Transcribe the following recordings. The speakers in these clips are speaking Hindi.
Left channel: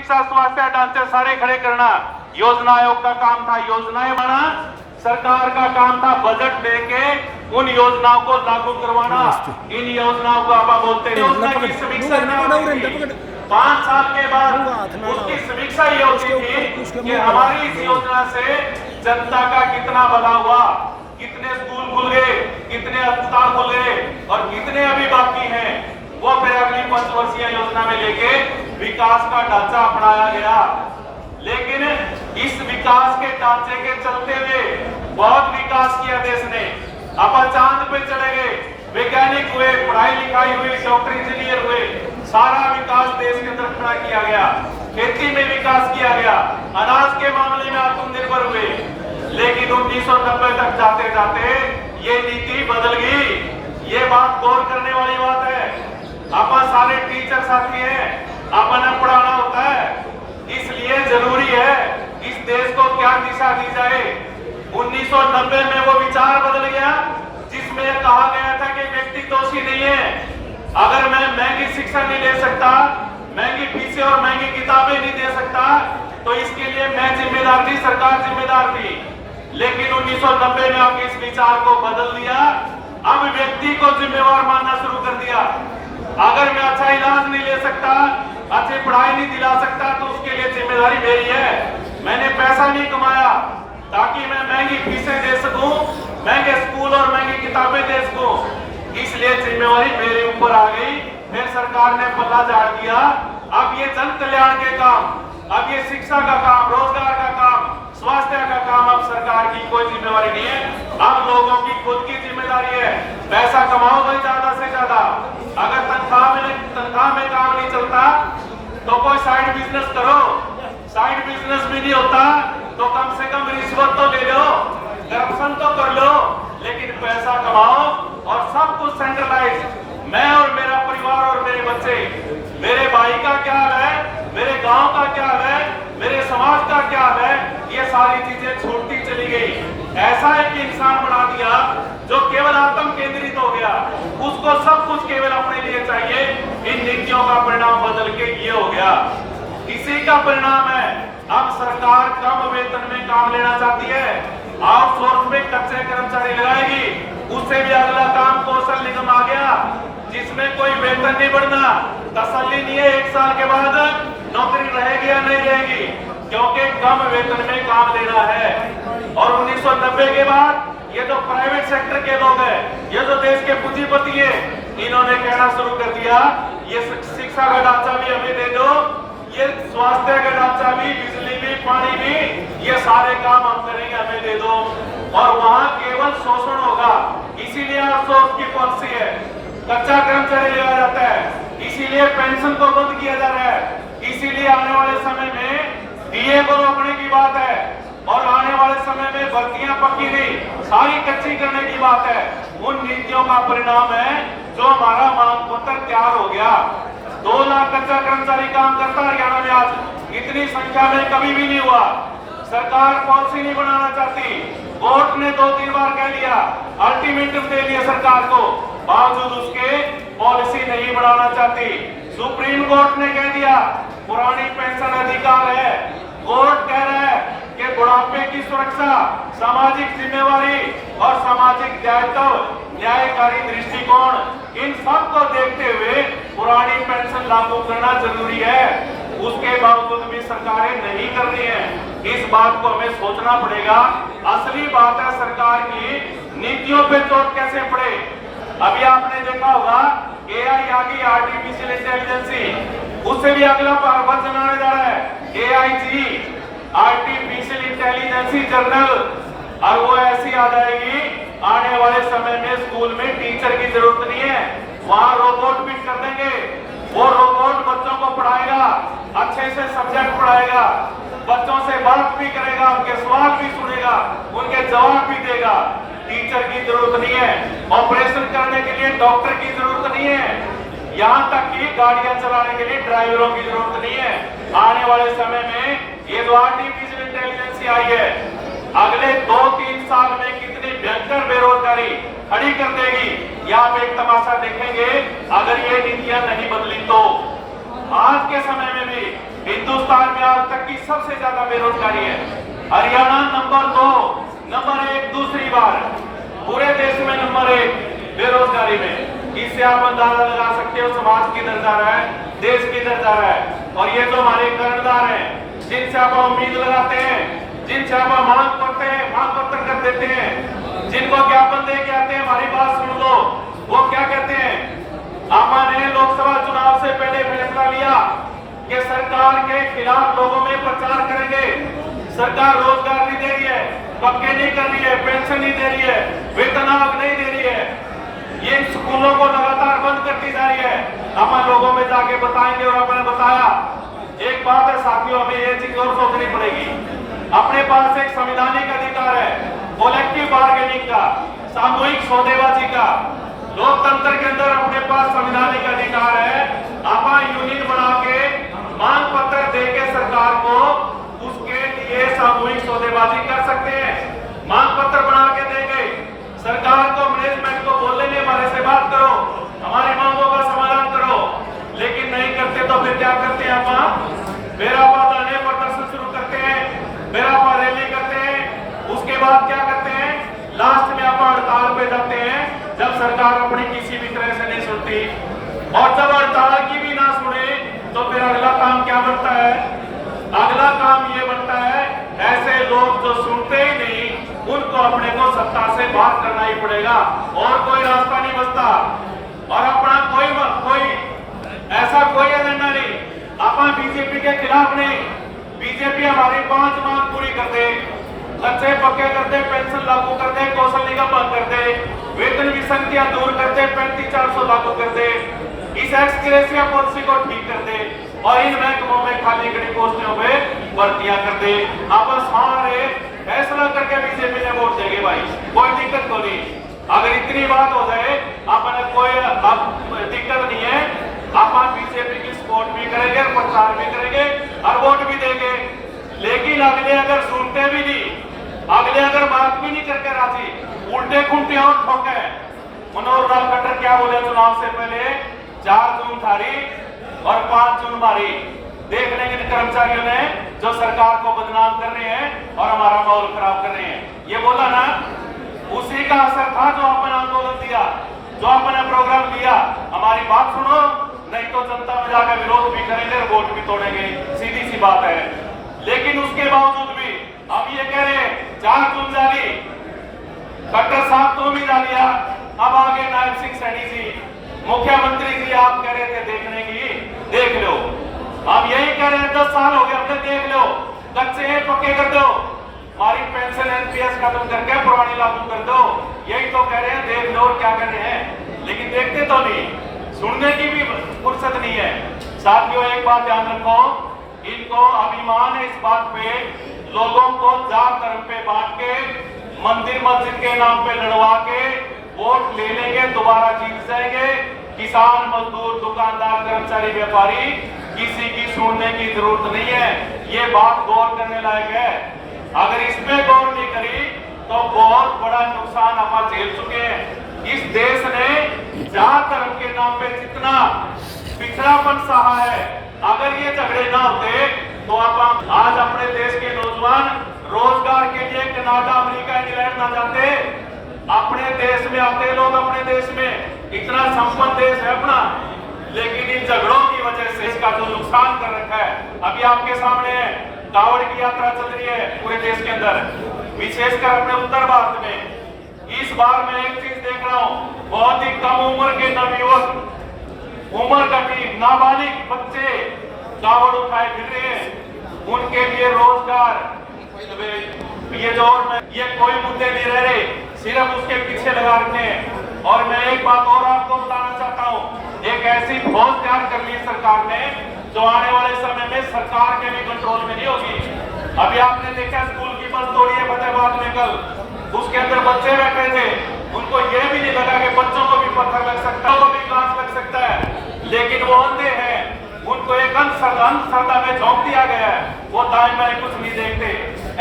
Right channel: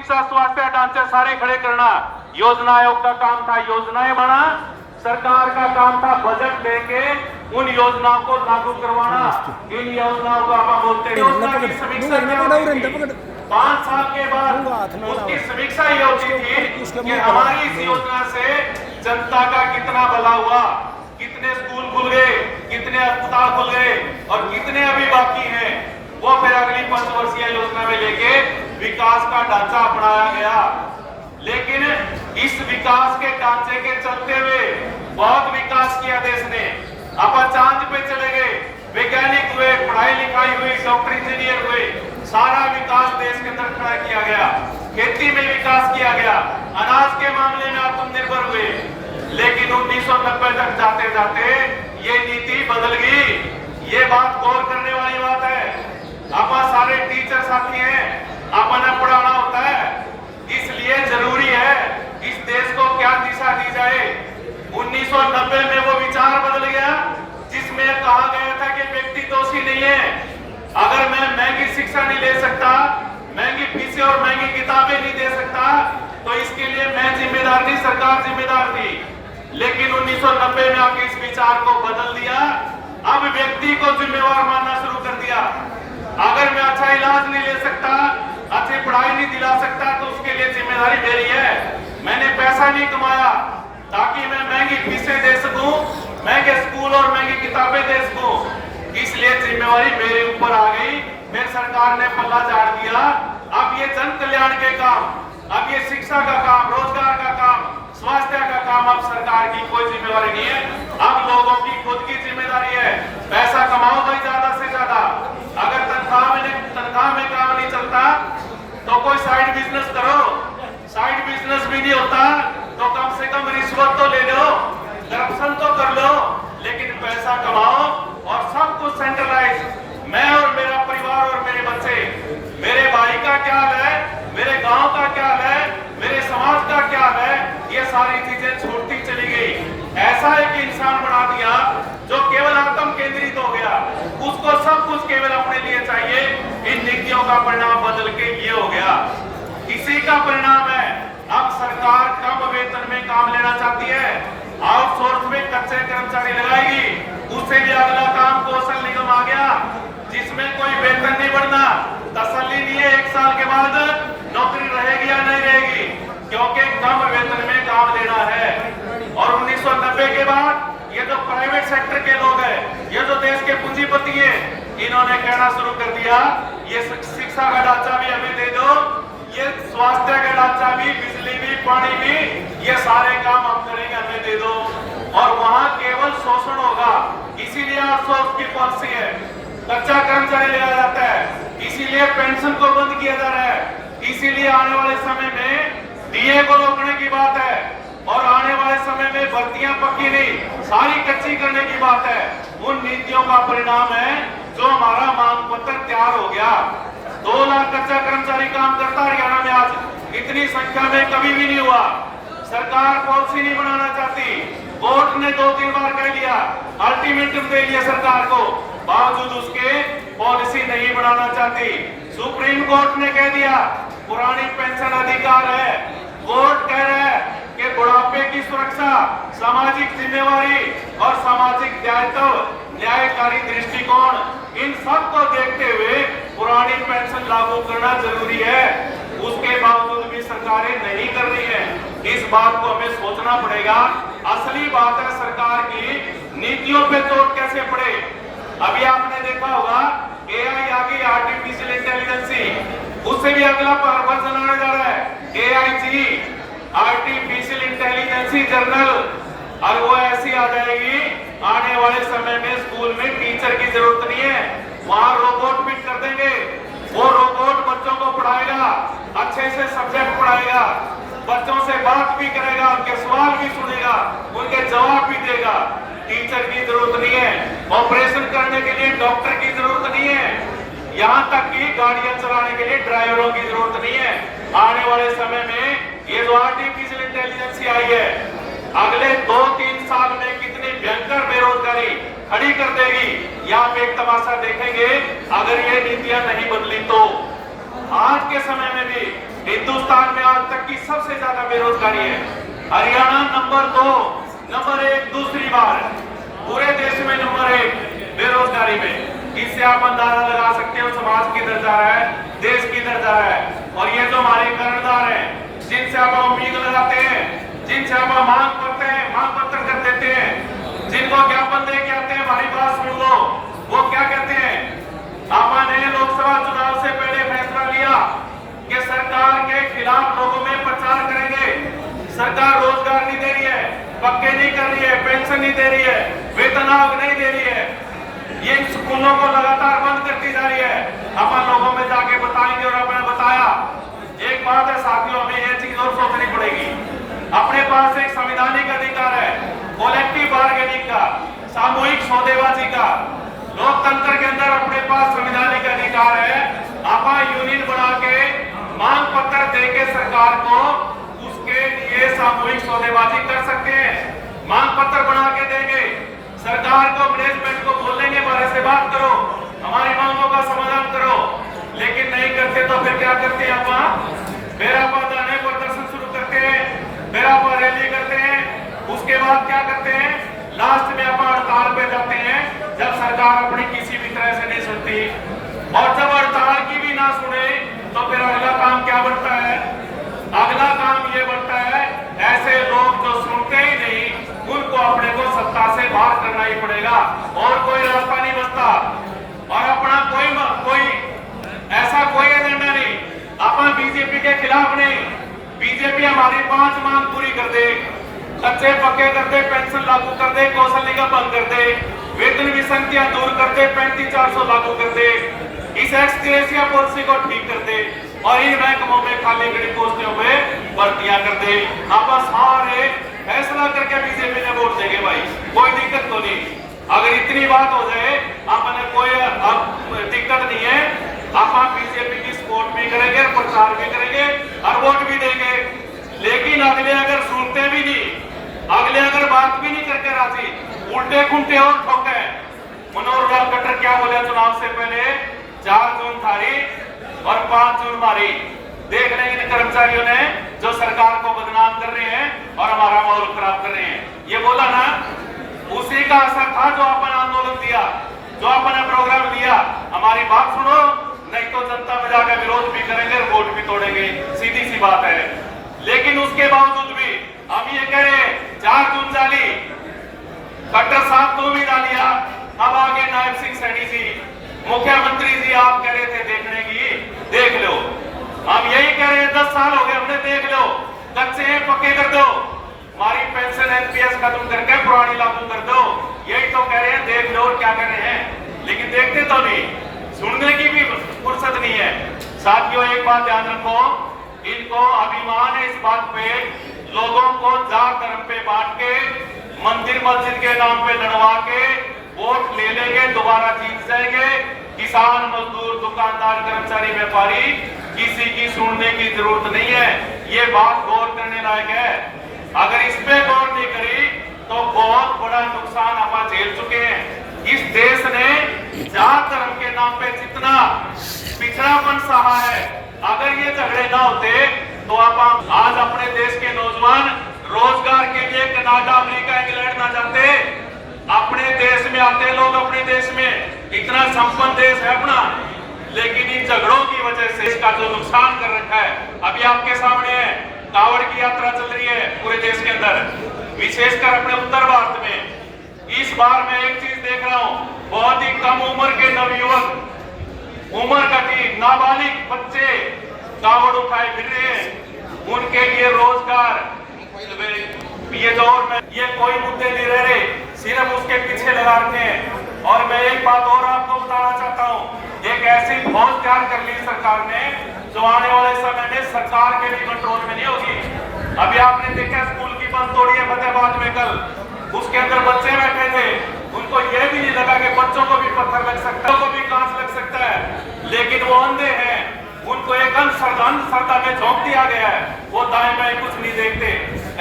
शिक्षा, स्वास्थ्य ढांचे सारे खड़े करना योजना आयोग का काम था। योजनाएं बनाना सरकार का काम था। बजट देके उन योजनाओं को लागू करवाना। इन योजनाओं को आप बोलते हैं 5 साल के बाद उसकी समीक्षा ये होती थी कि हमारी इस योजना से जनता का कितना भला हुआ, कितने स्कूल खुल गए, कितने अस्पताल खुल गए और कितने अभी बाकी हैं। वो फिर अगली 5 वर्षीय योजना में लेके विकास का ढांचा अपनाया गया। लेकिन इस विकास के ढांचे के चलते हुए बहुत विकास किया देश ने। अपन चांद पे चले गए, वैज्ञानिक हुए, पढ़ाई लिखाई हुई, डॉक्टर इंजीनियर हुए, सारा विकास देश के अंदर खड़ा किया गया। खेती में विकास किया गया, अनाज के मामले में आत्मनिर्भर हुए। लेकिन 1990 तक जाते जाते ये नीति बदल गई। ये बात गौर करने वाली बात है। अपन सारे टीचर साथी हैं, अपन पढ़ाना होता है, इसलिए जरूरी है इस देश को क्या दिशा दी जाए। 1990 में वो विचार बदल गया जिसमें कहा गया था कि व्यक्ति दोषी नहीं है। अगर मैं महंगी शिक्षा नहीं ले सकता, महंगी फीसें और महंगी किताबें नहीं दे सकता, तो इसके लिए मैं जिम्मेदार नहीं, सरकार जिम्मेदार थी। लेकिन 1990 में आपके इस विचार को बदल दिया। अब व्यक्ति को जिम्मेवार मानना शुरू कर दिया। अगर मैं अच्छा इलाज नहीं ले सकता, अच्छी पढ़ाई नहीं दिला सकता, तो उसके लिए जिम्मेदारी मेरी है। मैंने पैसा नहीं कमाया ताकि मैं महंगी फीसें दे सकूं, महंगे स्कूल और महंगी किताबें दे सकूं, इसलिए जिम्मेवारी मेरे ऊपर आ गई। फिर सरकार ने पल्ला झाड़ दिया। अब ये जन कल्याण के काम, अब ये शिक्षा का काम, रोजगार का काम, स्वास्थ्य का काम अब सरकार की कोई जिम्मेवारी नहीं है। अब लोगों की खुद की जिम्मेदारी है। पैसा कमाओ तो ज्यादा से ज्यादा। अगर तनख्वाह में काम नहीं चलता तो कोई साइड बिजनेस करो। साइड बिजनेस भी नहीं होता तो कम से कम रिश्वत तो ले लो, करप्शन तो कर लो, लेकिन पैसा कमाओ और सब कुछ सेंट्रलाइज। मैं और मेरा परिवार और मेरे बच्चे, मेरे भाई का क्या हाल है, मेरे गांव का क्या हाल है, मेरे समाज का क्या हाल है, ये सारी चीजें छोड़ती चली गई। ऐसा एक इंसान बना दिया जो केवल आत्म केंद्रित हो गया, उसको सब कुछ केवल अपने लिए चाहिए। इन नीतियों का परिणाम बदल के ये हो गया। इसी का परिणाम है अब सरकार कम वेतन में काम लेना चाहती है, आउटसोर्स में कच्चे कर्मचारी लगाएगी। उससे भी अगला काम कौशल निगम आ गया जिसमें कोई वेतन नहीं बढ़ना, तसल्ली नहीं है 1 साल के बाद नौकरी रहेगी या नहीं रहेगी, क्योंकि कम वेतन में काम लेना है। और 1990 के बाद ये तो प्राइवेट सेक्टर के लोग हैं, ये जो देश के पूंजीपति हैं, इन्होंने कहना शुरू कर दिया ये शिक्षा का ढांचा भी हमें दे दो, ये स्वास्थ्य का ढांचा भी, बिजली भी, पानी भी, ये सारे काम हम करेंगे, हमें दे दो। और वहां केवल शोषण होगा, इसीलिए आउटसोर्स की पॉलिसी है। कच्चा कर्मचारी लिया जाता है, इसीलिए पेंशन को बंद किया जा रहा है, इसीलिए आने वाले समय में डीए को रोकने की बात है और आने वाले समय में भर्तियां पक्की नहीं, सारी कच्ची करने की बात है। उन नीतियों का परिणाम है जो हमारा मांग पत्र तैयार हो गया। 2 लाख कच्चा कर्मचारी काम करता है हरियाणा में आज, इतनी संख्या में कभी भी नहीं हुआ। सरकार पॉलिसी नहीं बनाना चाहती, कोर्ट ने 2-3 बार कह लिया, अल्टीमेटम दे लिया सरकार को, बावजूद उसके पॉलिसी नहीं बनाना चाहती। सुप्रीम कोर्ट ने कह दिया पुरानी पेंशन अधिकार है, कोर्ट कह रहा है कि बुढ़ापे की सुरक्षा, सामाजिक जिम्मेवारी और सामाजिक दायित्व, न्यायकारी दृष्टिकोण, इन सब को देखते हुए पुरानी पेंशन लागू करना जरूरी है। उसके बावजूद भी सरकारें नहीं कर रही हैं। इस बात को हमें सोचना पड़ेगा। असली बात है सरकार की नीतियों पे चोट कैसे पड़े। अभी आपने देखा होगा एआई आ गई, आर्टिफिशियल इंटेलिजेंस, उससे भी अगला वर्जन आने जा रहा है एआईजी, आर्टिफिशियल इंटेलिजेंस जर्नल, और वो ऐसी आ जाएगी आने वाले समय में स्कूल में टीचर की जरूरत नहीं है, वहां रोबोट फिट कर देंगे। वो रोबोट बच्चों को पढ़ाएगा, अच्छे से सब्जेक्ट पढ़ाएगा, बच्चों से बात भी करेगा, उनके सवाल भी सुनेगा, उनके जवाब भी देगा। टीचर की जरूरत नहीं है, ऑपरेशन करने के लिए डॉक्टर की जरूरत नहीं है, यहाँ तक कि गाड़ियां चलाने के लिए ड्राइवरों की जरूरत नहीं है। आने वाले समय में ये जो आर्टिफिशियल इंटेलिजेंस आई है, अगले 2-3 साल में कितनी भयंकर बेरोजगारी खड़ी कर देगी, यहाँ पे एक तमाशा देखेंगे अगर ये नीतियां नहीं बदली तो। आज के समय में भी हिंदुस्तान में आज तक की सबसे ज्यादा बेरोजगारी है। हरियाणा नंबर 2, नंबर 1 दूसरी बार पूरे देश में नंबर 1 बेरोजगारी में। इससे आप अंदाजा लगा सकते हो समाज किधर जा रहा है, देश किधर जा रहा है। और ये जो हमारे कर्णधार हैं, जिनसे आप उम्मीद लगाते हैं, जिनसे आप मांग करते हैं, मांग पत्र कर देते हैं, जिनको ज्ञापन दे के आते हैं, हमारी बात सुन लो, वो क्या कहते हैं? आपने लोकसभा चुनाव से पहले फैसला लिया कि सरकार के खिलाफ लोगों में प्रचार करेंगे। सरकार रोजगार नहीं दे रही है, पक्के नहीं कर रही है, पेंशन नहीं दे रही है, वेतन आयोग नहीं दे रही है, ये स्कूलों को लगातार बंद करती जा रही है। हम लोगों में जाके बताएंगे। और आपने बताया एक बात है साथियों, हमें ये चीज और सोचनी पड़ेगी। अपने पास एक संवैधानिक अधिकार है, कलेक्टिव बार्गेनिंग का, सामूहिक सौदेबाजी का। लोकतंत्र के अंदर अपने पास संवैधानिक अधिकार है। आप यूनियन बना के मांग पत्र देके सरकार को उसके लिए सामूहिक सौदेबाजी कर सकते हैं। मांग पत्र बना के देंगे, सरकार को, मैनेजमेंट को बोल देंगे हमारे से बात करो, हमारी मांगों का समाधान करो। लेकिन नहीं करते तो फिर क्या करते हैं? मेरा आने प्रदर्शन शुरू करते हैं, मेरा रैली करते हैं। उसके बाद क्या करते हैं? लास्ट में आप हड़ताल पे जाते हैं, जब सरकार अपनी किसी भी तरह से नहीं सुनती। और जब हड़ताल की भी ना सुने तो फिर अगला काम क्या बनता है? अगला काम ये बनता है, ऐसे लोग जो सुनते ही नहीं, उनको अपने को सत्ता से बाहर करना ही पड़ेगा, और कोई रास्ता नहीं बचता। और अपना कोई ऐसा कोई एजेंडा नहीं, अपना बीजेपी के खिलाफ नहीं। बीजेपी हमारी 5 मांग पूरी कर दे, कच्चे पक्के कर दे, पेंशन लागू कर दे, कौशल निगम बंद कर दे, वेतन विसंगतियां दूर कर दे, 35,400 लागू कर दे, इस एक्सग्रेशिया पॉलिसी को ठीक कर दे, और इन महकमों में खाली खड़ी पोस्टों में भर्तियां कर दे। आप सारे फैसला करके बीजेपी ने वोट देंगे भाई, कोई दिक्कत को नहीं। अगर इतनी बात हो जाए, आपने कोई दिक्कत नहीं है, आप बीजेपी की सपोर्ट भी करेंगे, प्रचार भी करेंगे और वोट भी देंगे। लेकिन अगले अगर सुनते भी नहीं, अगले अगर बात भी नहीं करके राजी, उल्टे खुंटे और ठोके। मनोहर लाल खट्टर क्या बोले चुनाव से पहले? 4 जून थारी और 5 जून मारी। देख रहे हैं कर्मचारियों ने जो सरकार को बदनाम कर रहे हैं और हमारा माहौल खराब कर रहे हैं। ये बोला ना, उसी का असर था जो अपन आंदोलन दिया, जो अपन प्रोग्राम दिया। हमारी बात सुनो, नहीं तो जनता में जाकर विरोध भी करेंगे, वोट भी तोड़ेंगे, सीधी सी बात है। लेकिन उसके बावजूद भी हम ये कह रहे हैं, 4 जून जाली, खट्टर साहब को भी डालिया, अब आगे नायब सिंह सैनी जी, मुख्यमंत्री जी आप कह रहे थे देखने की, देख लो। हम यही कह रहे हैं, 10 साल हो गए, अपने देख लो, कच्चे पक्के कर दो, हमारी पेंशन एनपीएस खत्म करके पुरानी लागू कर दो। यही तो कह रहे हैं, देख लो क्या कह रहे हैं। लेकिन देखते तो नहीं, सुनने की भी फुर्सत नहीं है। साथियों एक बात ध्यान रखो, इनको अभिमान है इस बात पे, लोगों को जात धर्म पे बांट के, मंदिर मस्जिद के नाम पे लड़वा के वोट ले लेंगे, दोबारा जीत जाएंगे। किसान, मजदूर, दुकानदार, कर्मचारी, व्यापारी, किसी की सुनने की जरूरत नहीं है। ये बात गौर करने लायक है। अगर इस पे गौर नहीं करी तो बहुत बड़ा नुकसान हम झेल चुके हैं। इस देश ने जात धर्म के नाम पे जितना पिछड़ापन सहा है, अगर ये झगड़े ना होते तो आप आज अपने देश के नौजवान रोजगार के लिए कनाडा, अमेरिका, इंग्लैंड ना जाते, अपने देश में आते लोग। अपने देश में इतना संपन्न देश है अपना, लेकिन इन झगड़ों की वजह से इसका जो नुकसान कर रखा है, अभी आपके सामने है। कांवड़ की यात्रा चल रही है पूरे देश के अंदर, विशेषकर अपने उत्तर भारत में। इस बार मैं एक चीज देख रहा हूँ, बहुत ही कम उम्र के नवयुवक, उम्र का नाबालिग बच्चे कांवड़ उठाए फिर रहे हैं। उनके लिए रोजगार, ये दौर में ये कोई मुद्दे नहीं रह रहे, सिर्फ उसके पीछे लगा रखे हैं। और मैं एक बात और आपको बताना चाहता हूँ, एक ऐसी फौज तैयार कर ली सरकार ने, जो आने वाले समय में सरकार के भी कंट्रोल में नहीं होगी। अभी आपने देखा स्कूल की बस तोड़ी है फतेहाबाद में कल, उसके अंदर बच्चे बैठे थे, उनको ये भी नहीं लगा कि बच्चों को भी पत्थर लग सकता है, उनको भी कांच लग सकता है, लेकिन वो अंधे हैं। उनको एक अंधश्रद्धा में झोंक दिया गया है, वो दाएं बाएं कुछ नहीं देखते।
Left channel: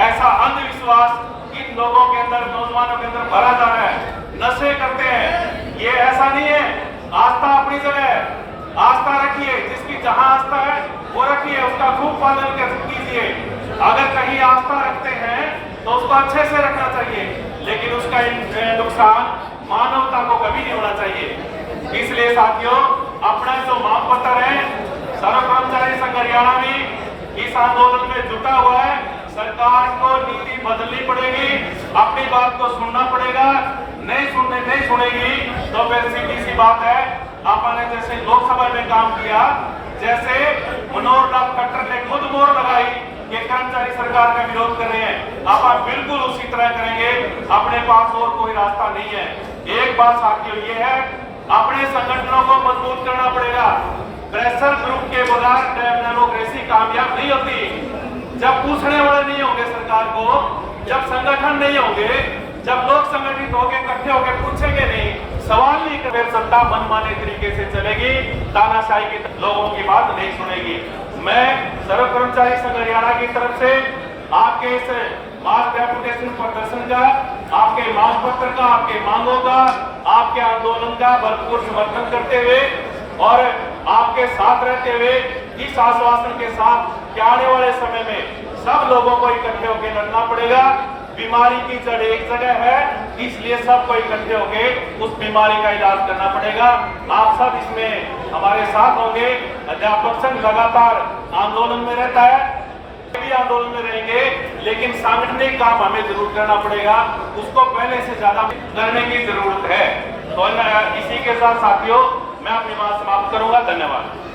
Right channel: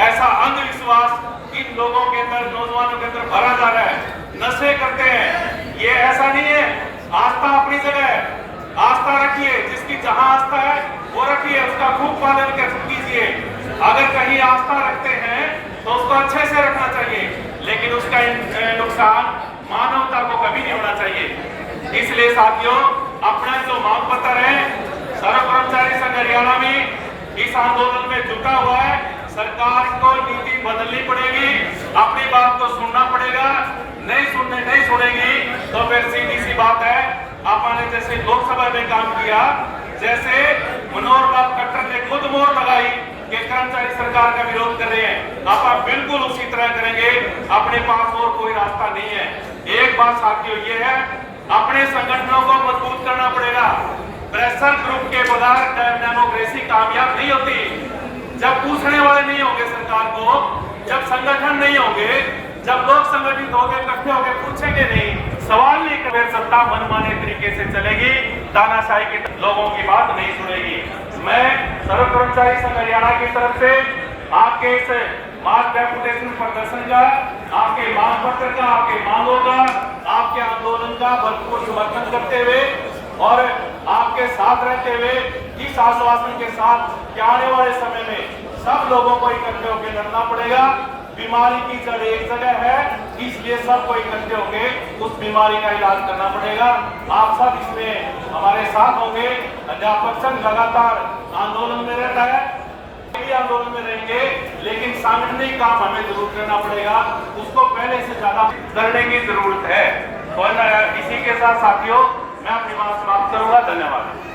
ऐसा अंधविश्वास इन लोगों के अंदर, नौजवानों के अंदर भरा जा रहा है, नशे करते हैं। ये ऐसा नहीं है, आस्था अपनी जगह है, आस्था रखिए, जिसकी जहां आस्था है वो रखिए, उसका खूब पालन कीजिए। अगर कहीं आस्था रखते हैं तो उसको अच्छे से रखना चाहिए, लेकिन उसका नुकसान मानवता को कभी नहीं होना चाहिए। इसलिए साथियों, अपना जो मांग पत्र है, सर्व कर्मचारी संघ हरियाणा भी इस आंदोलन में जुटा हुआ है। सरकार को नीति बदलनी पड़ेगी, अपनी बात को सुनना पड़ेगा। नहीं सुनेगी तो फिर सीधी सी बात है, आपने जैसे लोकसभा में काम किया, जैसे मनोहर लाल खट्टर ने खुद मोहर लगाई कि कर्मचारी सरकार का विरोध कर रहे हैं, आप बिल्कुल उसी तरह करेंगे। अपने पास और कोई रास्ता नहीं है। एक बात साथियों ये है, अपने संगठनों को मजबूत करना पड़ेगा। प्रेशर ग्रुप के बगैर डेमोक्रेसी कामयाब नहीं होती। जब पूछने वाले नहीं होंगे सरकार को, जब संगठन नहीं होंगे, जब लोग संगठित होकर इकट्ठे होकर पूछेंगे नहीं, सवाल नहीं करेंगे, सत्ता मनमाने तरीके से चलेगी, तानाशाही के लोगों की बात नहीं सुनेगी। मैं सर्व कर्मचारी संघ हरियाणा की तरफ से आपके इस मार्च डेपुटेशन प्रदर्शन का, आपके मांग पत्र का, आपके मांगों का, आपके आंदोलन का भरपूर समर्थन करते हुए और आपके साथ रहते हुए इस आश्वासन के साथ कि आने वाले समय में सब लोगों को इकट्ठे होकर लड़ना पड़ेगा। बीमारी की जड़ एक जगह है, इसलिए सबको इकट्ठे होकर उस बीमारी का इलाज करना पड़ेगा। आप सब इसमें हमारे साथ होंगे। अध्यापक संघ लगातार आंदोलन में रहता है, भी आंदोलन में रहेंगे, लेकिन सांगठनिक काम हमें जरूर करना पड़ेगा। उसको पहले से ज्यादा करने की जरूरत है। तो इसी के साथ साथियों, मैं अपनी बात समाप्त करूंगा। धन्यवाद।